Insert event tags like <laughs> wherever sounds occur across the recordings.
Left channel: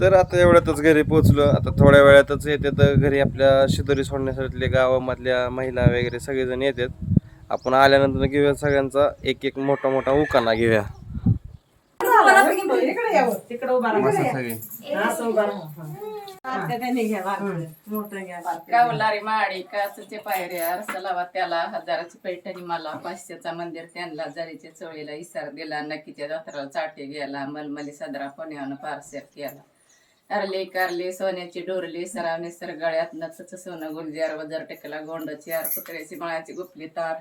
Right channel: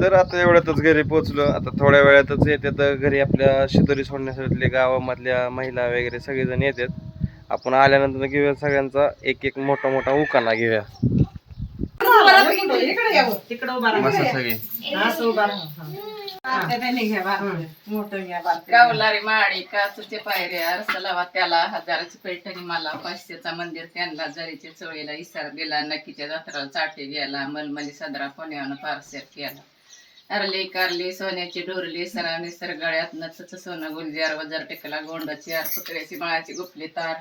तर आता एवढ्यातच घरी पोहोचलो. आता थोड्या वेळातच येते तर घरी आपल्या शिदोरी सोडण्यासाठी गावामधल्या महिला वगैरे सगळेजण येतात. आपण आल्यानंतर घेऊया सगळ्यांचा एक एक मोठा मोठा उकाना घेऊया. गावलारी माळी काचचे पायऱ्या लावा त्याला हजाराची पैठणी मला पाचशेचा मंदिर त्यांना जरीच्या चोळीला इसार दिला नक्कीच्या जत्राला चाटे गेला मलमली सदरा पुण्यानं पारसेर केला. अरली कारली सोन्याची डोरली सरावणी सर गळ्यात नचच सोनं गुलजार वजर टेकला गोंडाची आर पुतळ्याची मळाची गुपली तार.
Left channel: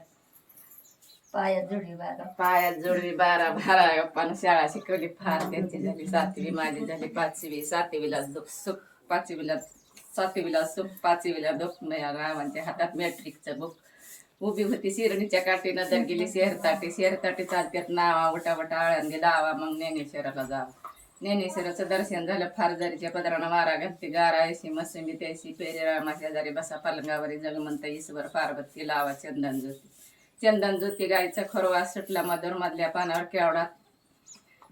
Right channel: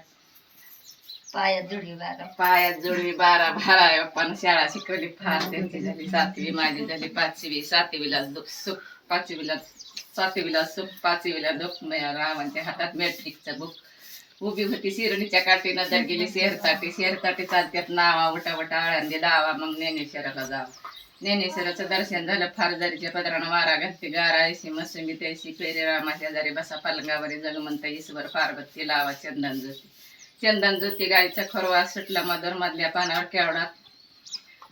पायात जुडी बारा. पायात जोडवी बारा बारा पण शाळा शिकवली फार त्यांची झाली सातवी माझी झाली पाचवी सातवीला दुःख सुख पाचवीला सातवीला सुख पाचवीला दुःख माझ्या रावांच्या हातात मॅट्रिकचं बुक उभी होती शिरणीच्या काठी नजर गेली शेरताटी शेरताटी चालत्यात नावा उटा वटा आळंदी लावा मग ज्ञानेश्वराला जावा. ज्ञानेश्वराचं दर्शन झालं फार जरीच्या पदरानं वारा घालते गारा ऐशी मसुमी त्याशी पेरे रामाच्या जरी बसा पालंगावरी जगमंत ईश्वर पार्वती लावा चंदन ज्योती चंदन ज्योती गायचा खरवा सुटला मधुर मधल्या पानावर केवढा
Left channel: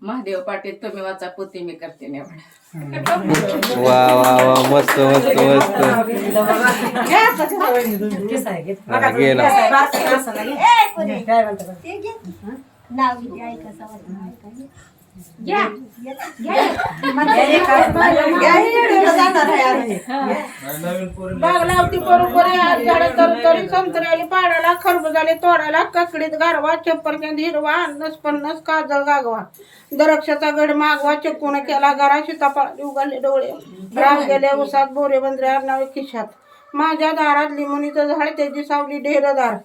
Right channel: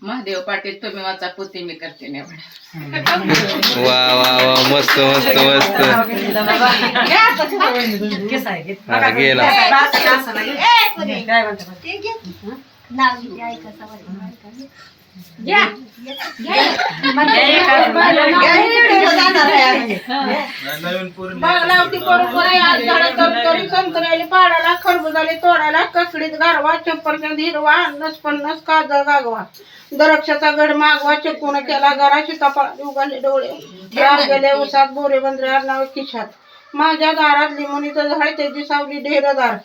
महादेव पाटील तुम्ही वाचा पुती मी करते नेवडा वा वा वा मस्त मस्त मस्त. गेला. घे. पाडाला खरबुजाले तोडाला ककडीत गारवा चप्परक्यात हिरवा अन्नस पन्नस काजळ गागवा. दरक्षाचा गड मागवा चक्कून केला घरा सीताफळाचे उघडले डोळे. राम गेले उसात बोरे बंदरे आडनावे खिशात. माझ्या दारात लिंबुनीचं झाड त्याची सावली ढेरदार.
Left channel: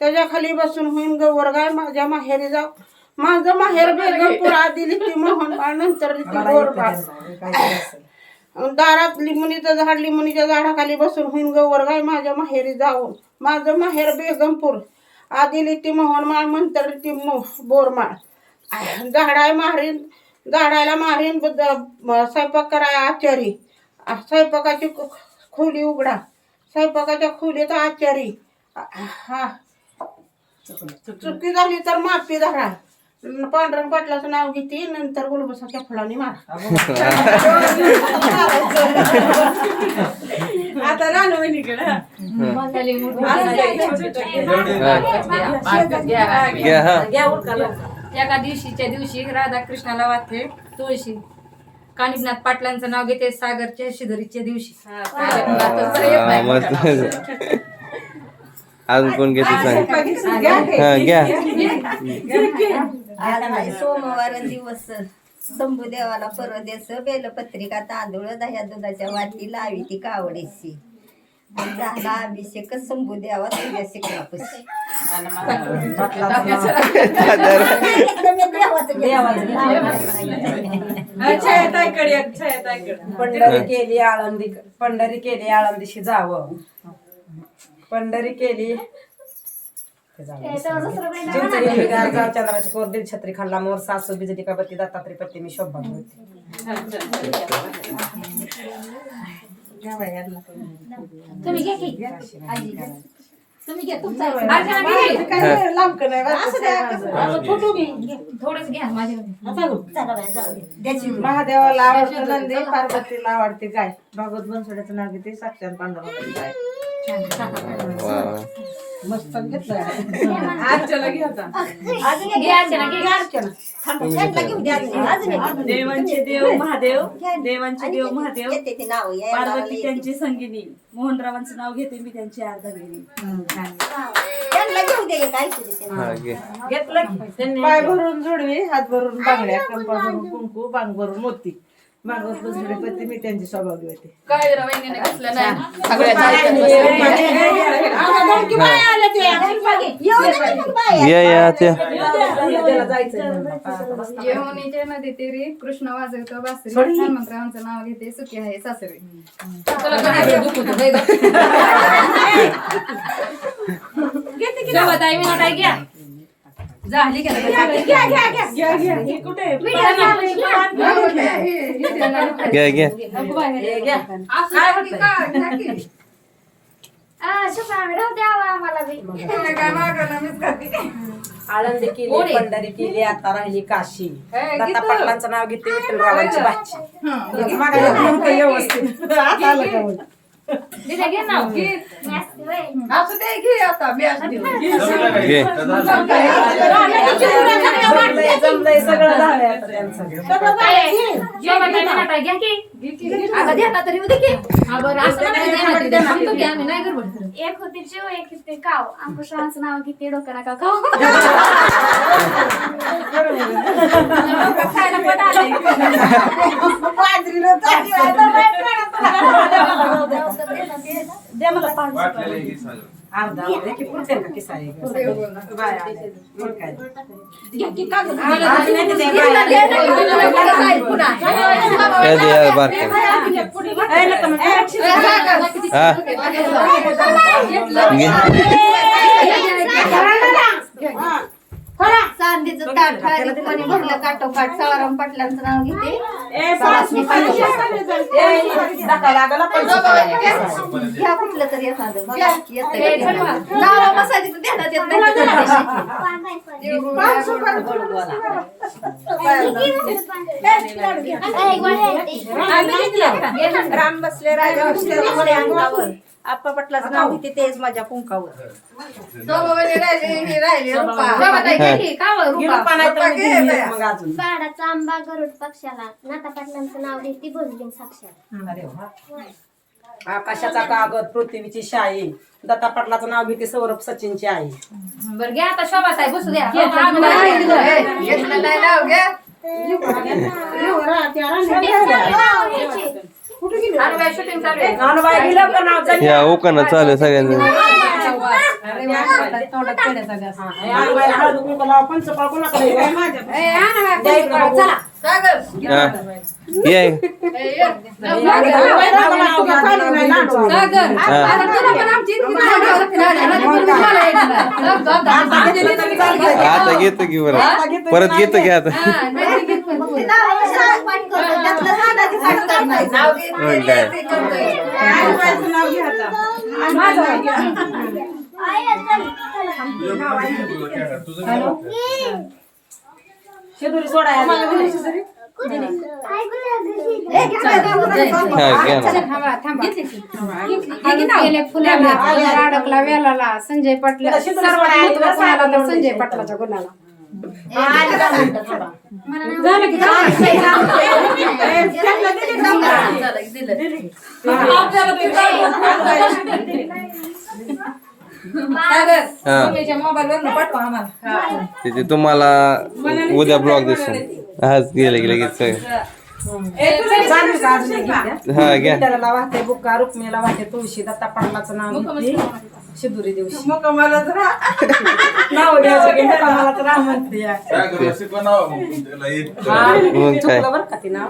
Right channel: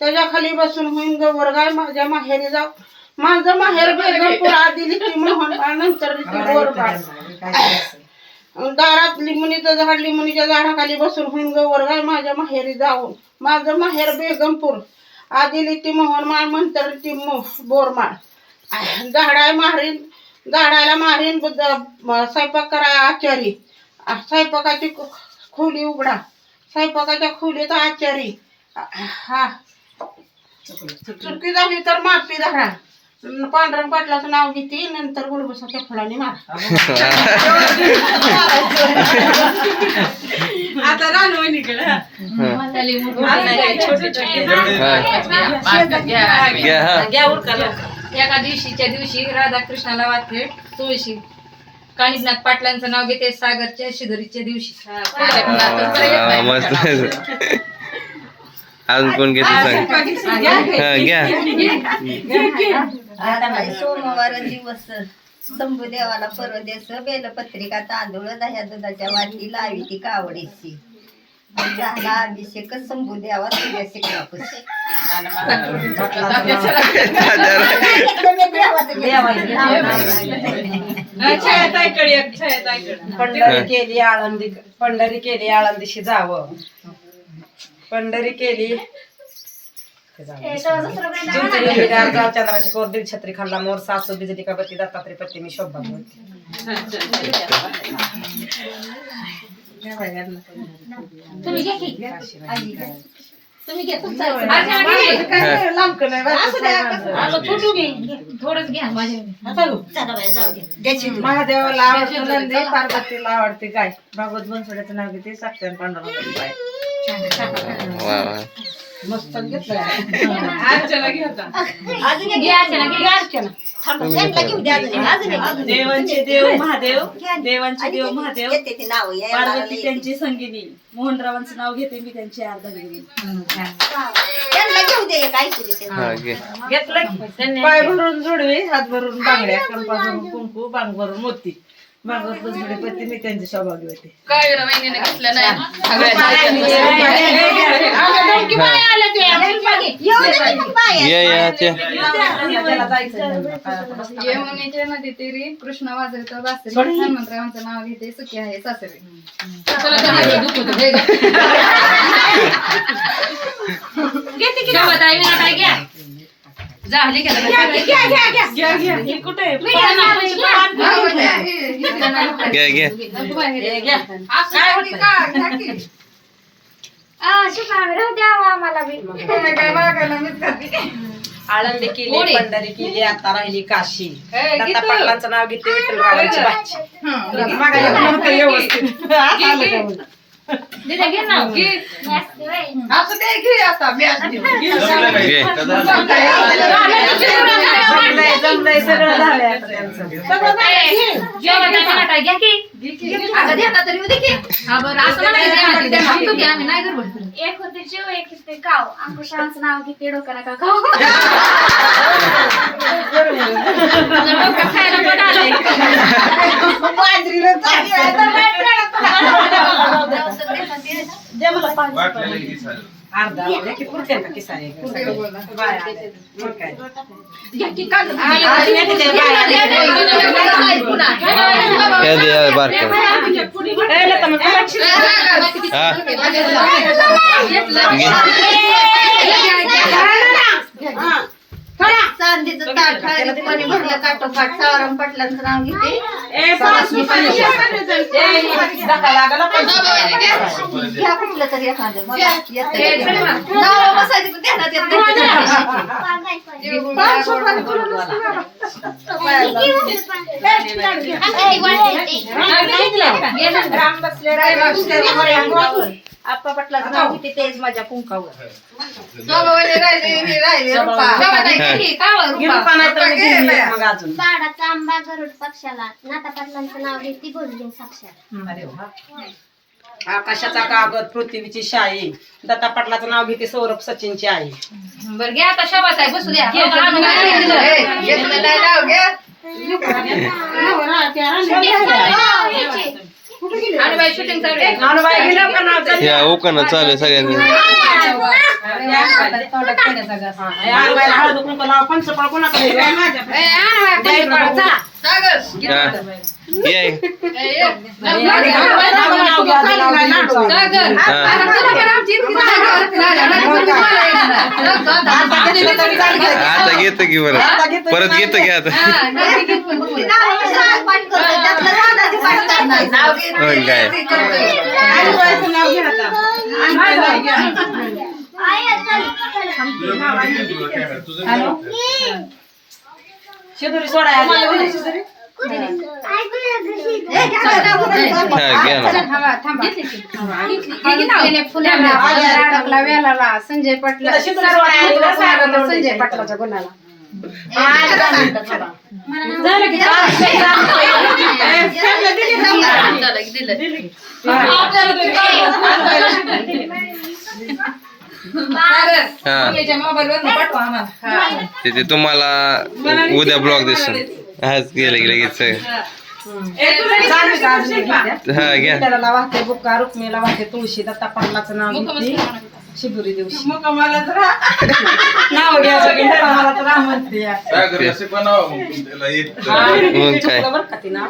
त्याच्याखाली बसून होईन गवर गाय माझ्या माहेरी जाऊ. माझं माहेर बेगमपूर आधी लिखी मोहन बाळ नंतर लिखी गोर बाळ. दारात लिंबणीचं झाड लिंबणीच्या झाडाखाली बसून होईन गवर गाय माझ्या माहेरी जाऊन. माझं माहेर बेगमपूर. आधी लिटी मोहनमाळ नंतर मो बोरमाळ झाडाय मारीन झाडाला मारीन स्वयंपाक कराय आचारी. स्वयंपाकाची खो- खोली उघडा. स्वयंपाकाच्या खोलीत आचारी. हा. चुकी झाली तर माफी धरा. पांढरण पाटलाचं नाव घेते नंतर गुलबसाच्या फळाने मारा <laughs> आता हा. एका दिवशीच्या दिवशी राधाकृष्णाला वाटते तुळशी. कानिपनाथ पाटलांचं नाव घेते सागरच्या शिदोरीच्या दिवशी. हा, अजून कोण घेते सांग? हा घ्या. आज आहे सोमवार दिवस. शंभू देवाला परदेश बेलपत्रिका तांदूळ दह्या दुधाच्या वाटी लावी ती कावडीशी झाला अभिषेक शंभू देवा तुझ्या शिकरापशी पंढरी केली आळंदी पंढरी केली आळंदीशी जावं. पंढरी केली चंद्राची कोर देव छत्री खाल्ला मोर सासू बिजली का बत्ती दत्तात्री पत्ती मी शोभा होती तुम्ही घ्या की. तुम्ही घ्या तुमचं. थोडंच घ्या. माझ्या महादेवाला आवडतं नंदी पार्वतीला आवडते गाय. भागवत बनसोड्याचं नाव घेते साक्षर पांडुरंगाची <laughs> देवांचे देव महादेव. देवांचे देव महादेव. येते ते नाव पार्वती त्यांची संगिनी. मोहनरावांचं नाव घेते मी त्यांची अर्धागिरी त्यांना घेऊ दे काय हा घे. पाय भरून जोडवी हात भरून बांगड्या कंपा भरून कुंकू बांग भरून मोती. भागवत बनसोडे पत्ती मी त्यांची सौभाग्य होते काय घेतलं नाही. सगळ्या या या ते यमुनेच्या नदी तीरी कृष्ण वाजवतो बासरी हनुमंतरावांचं नाव घेते सुखी आहे सासरे गवत आहे विनाताई घ्या झाली का कुठे घ्या घ्या द्यावा आम्हाला बी काय मागायला मीच खाते. आळंदी केली? पंढरी केली आता राहिली काशी. हे, दत्ता गीतं. पाटलांचं नाव घेते विठ्ठलरावांची बाची दिदे घे नाव घे असं ते घे आता मी आज घेऊ. घे जमलंय जमलंय सगळं झालंय आता त्यांचं घ्या की अगं द्या ना तरी उद्या की हा बरं असं नाही द्या ना, द्या ना. सांगतो की आम्ही नाही गडबड करत. एक होते जीव एक होते गाव अंकुशरावांचं नाव घेते डोकं नका डोकं खायला पण आलंय. की सारे हे हे हा चांदीचं ताट पाणी भरलं काठोकाठ सावराम पाटलांचं नाव घेते घ्या कुठलं तरी एखादं. बघा, येतंय. नावं बसायची पण ध्यानात येत नाही. राम बसले राम बसले मोरे अंगावर. आप्पा पाटलाचं नाव घेते तेच माझ्या कुंकावर हे रुपा. नाही की, तर मी मग अजून. आंबा गरुड पक्षाला. नाता पाटलांचं नाव घेते बोलली अरे वा. आकाशाचा कागद पृथ्वीची शाई दत्ता पाटलाचं नाव घेते सौरभ सचिनची आई. बरं घ्या आता शोभा साहेब बसू द्या. हो, आम्ही नाही दिलं. घेतलं नाही नाव घ्या आणि बाई शूटिंग चालू आहे. नानूबाई गेलं का नाव चालू? या ओकानं चालू आहे सगळ्यांनी. नानूबाई हळद कुंकू लाव, पंचपाळ कोणाकडे आहे? चला. ये घ्या, घ्या. हा. आता घेतो की परत परत घेतो की आता हा, काय ते करतोय. शिदोरी सोडायला हा. अडकला वेलाला संजय पाटला. संजय पाटलाच्या गुणाला झालं की तिथे तुम्हाला उद्या ब्लॉग दिसून आज गेले गेले लगेच घेते? हा. घ्या. वाहते तुळशी दत्ता पाटलाचं नाव शिदुरी दिवशी नाव घ्यायचं की त्याला मला तर राम म्हणते या. हा, मग काय? चुकलं बरं का ती नाव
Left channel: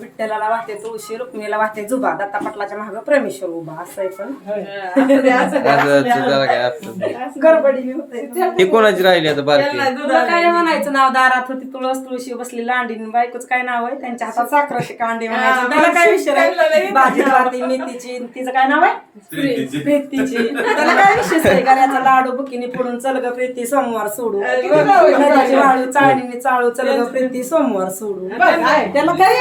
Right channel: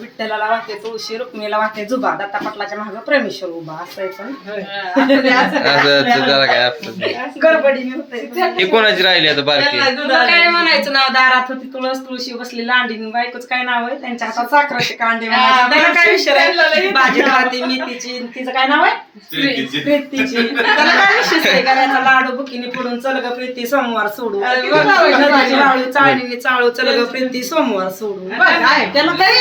विठ्ठलाला वाहते तुळशी रुक्मिणीला वाहते जुबा दत्ता पाटलाच्या मागे प्रेमेश्वर उभा असं आहे पण. असं जरा काय आपलं <laughs> गडबडी होते. हे कोणाची राहिली आता बारकी? तुला काय म्हणायचं नाव दारात होती तुळस तुळशी बसली लांडीन बायकोच काय नाव आहे? त्यांच्या हातात साखराचे कांदे म्हणायचे. त्याला काय विषय आहे? भाजी खाती मेथीची तिचं काय नाव आहे? प्रीतीची. त्याला काय विशेष करायचा लाडू बुकिनी पुढून चल ग प्रीती सोमवार सोडू. नदीची वाळू चाळणीने चाळू चल ग प्रीती सोमवार सोडू. त्याला काय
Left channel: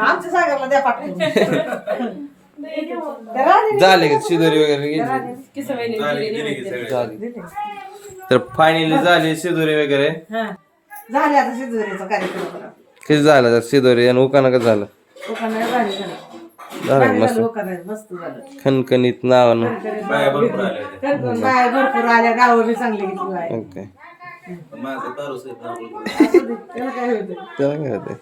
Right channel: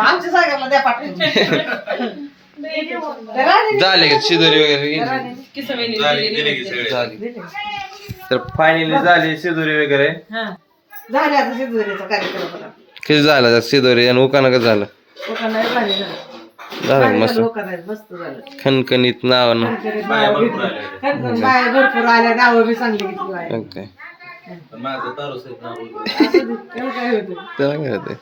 आमच्या सगळ्याला द्या पाठवून. <laughs> <laughs> झाले का शिदोरी वगैरे? झाली. तर फायनली झाली शिदोरी वगैरे. झाले आता शिजवण्याचा कार्यक्रम. किती झालं? शिदोरी आणि उकानं का झालं? भारी झालं. झालं मस्त. झालं. खणखणीत नावानं. बाया भरपूर आल्या. नावं बी चांगली घेतली बाया. काय होतंय?